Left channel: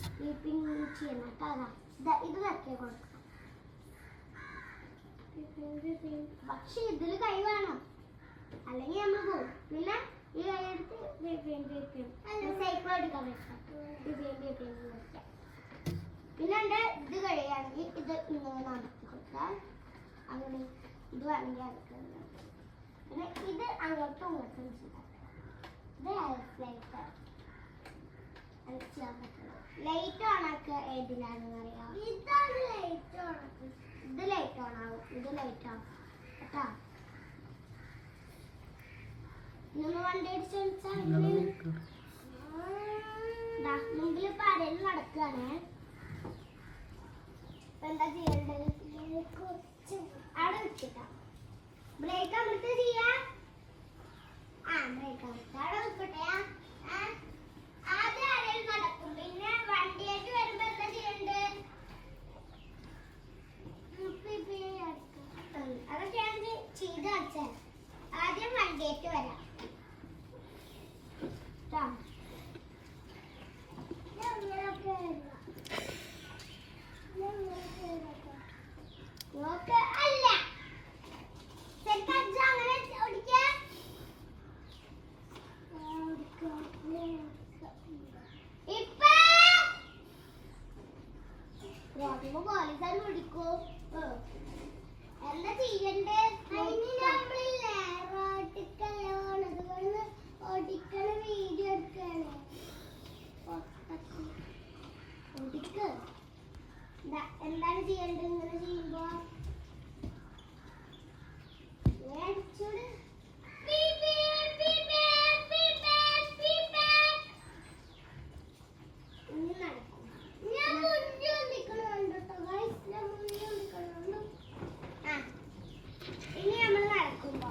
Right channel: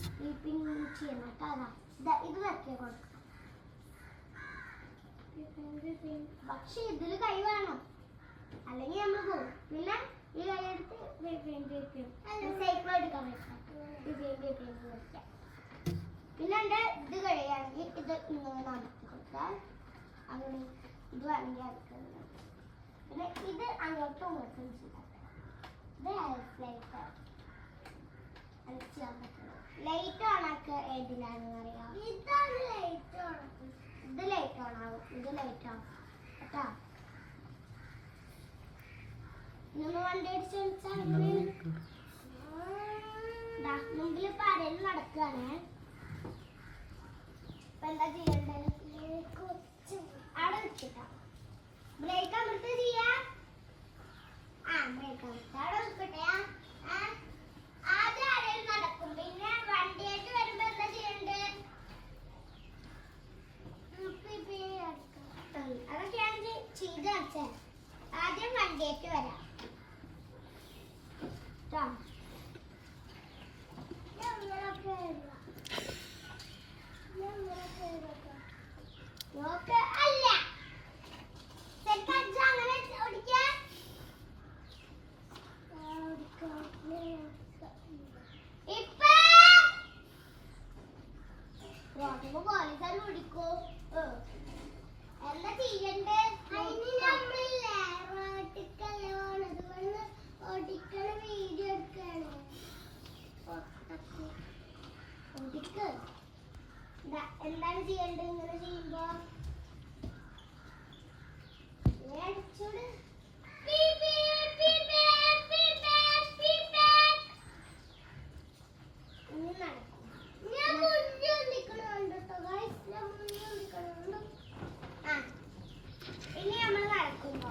ചെയ്യണം കേട്ടോ. ഇത് വെക്കി കൊടുക്കണം. പക്ഷെ ഇതിൽ കൈ വേണം, അല്ലെങ്കിൽ നമ്മൾ പോകും. പിന്നെ ഈ കൈ എടുത്ത് സൈക്കിൾ എടുക്കാൻ വെക്കാം. പിന്നെ എൻ്റെ ഇത് കഴിയുകയാണെങ്കിൽ ഇത് ഇങ്ങനെ നടത്തി കൊടുത്താൽ അങ്ങനെ ഇത് വേണമെങ്കിൽ അടുക്കുന്നത്. പിന്നെ ഇത് അങ്ങോട്ടും ഇങ്ങോട്ടും ചെയ്യാം. ഇത് ലൈറ്റ് ലൈറ്റ് ഓണാക്കുക ഏതിലാണെന്ന് അറിയാം. ഇതാണ് ലൈറ്റ് ഓണാക്കുക. ഇത് ലൈറ്റ് ഓൺ ആവും. ഇത് ലൈറ്റ് ആവും കേട്ടോ. നമ്മൾ വണ്ടി അടിച്ച് മുമ്പിൽ ഇപ്പൊ ആരെങ്കിലും നടക്കുകയാണ്. ഇപ്പൊ എന്താ ചെയ്യേണ്ടത്? അവിടെ വെച്ചിട്ടാ ബ്രേക്ക് അമർത്തി ചെയ്യാ. ബ്രേക്ക് അമർത്തി അവിടെ നിൽക്കട്ടെ. ആദ്യം ആരെങ്കിലും നടക്കും, പിന്നെ വണ്ടിയായിട്ട് വരുമ്പോ എന്താ ചെയ്യണ്ടേ? അതൊക്കെയാണ് ചെയ്ത് വെച്ചാൽ. ആദ്യം വണ്ടിയായിട്ട് വരാം. അല്ല അങ്ങനെ ഓടിക്കാൻ ഇപ്പൊ പോലീസുകാർ ഓടിക്കോ. എന്താ ചെയ്യണ്ടേ? ഓടിക്കണ വീഡിയോ എടുക്കാണ്. എന്താണ് ചെയ്യേണ്ടത്? ഇങ്ങനെ ചെയ്യുമ്പോ അടിച്ചോട് ഇനി നമ്മൾ നടക്കുമ്പോ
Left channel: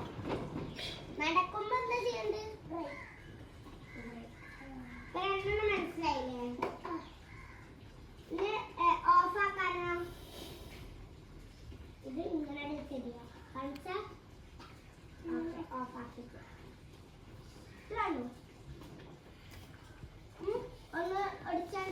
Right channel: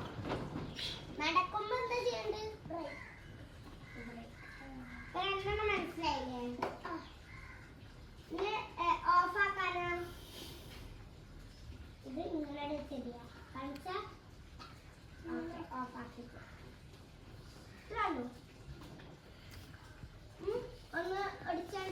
എന്താ ചെയ്യണ്ടത്? മനസ്സിലായില്ലേ? ഇനി ഓഫ് ആക്കാനോ? ഇത് ഇങ്ങനെ ശരിയാ കാണിച്ചാ ഓഫ് ആക്കിട്ട് ഒന്ന് ഒടിച്ചാൽ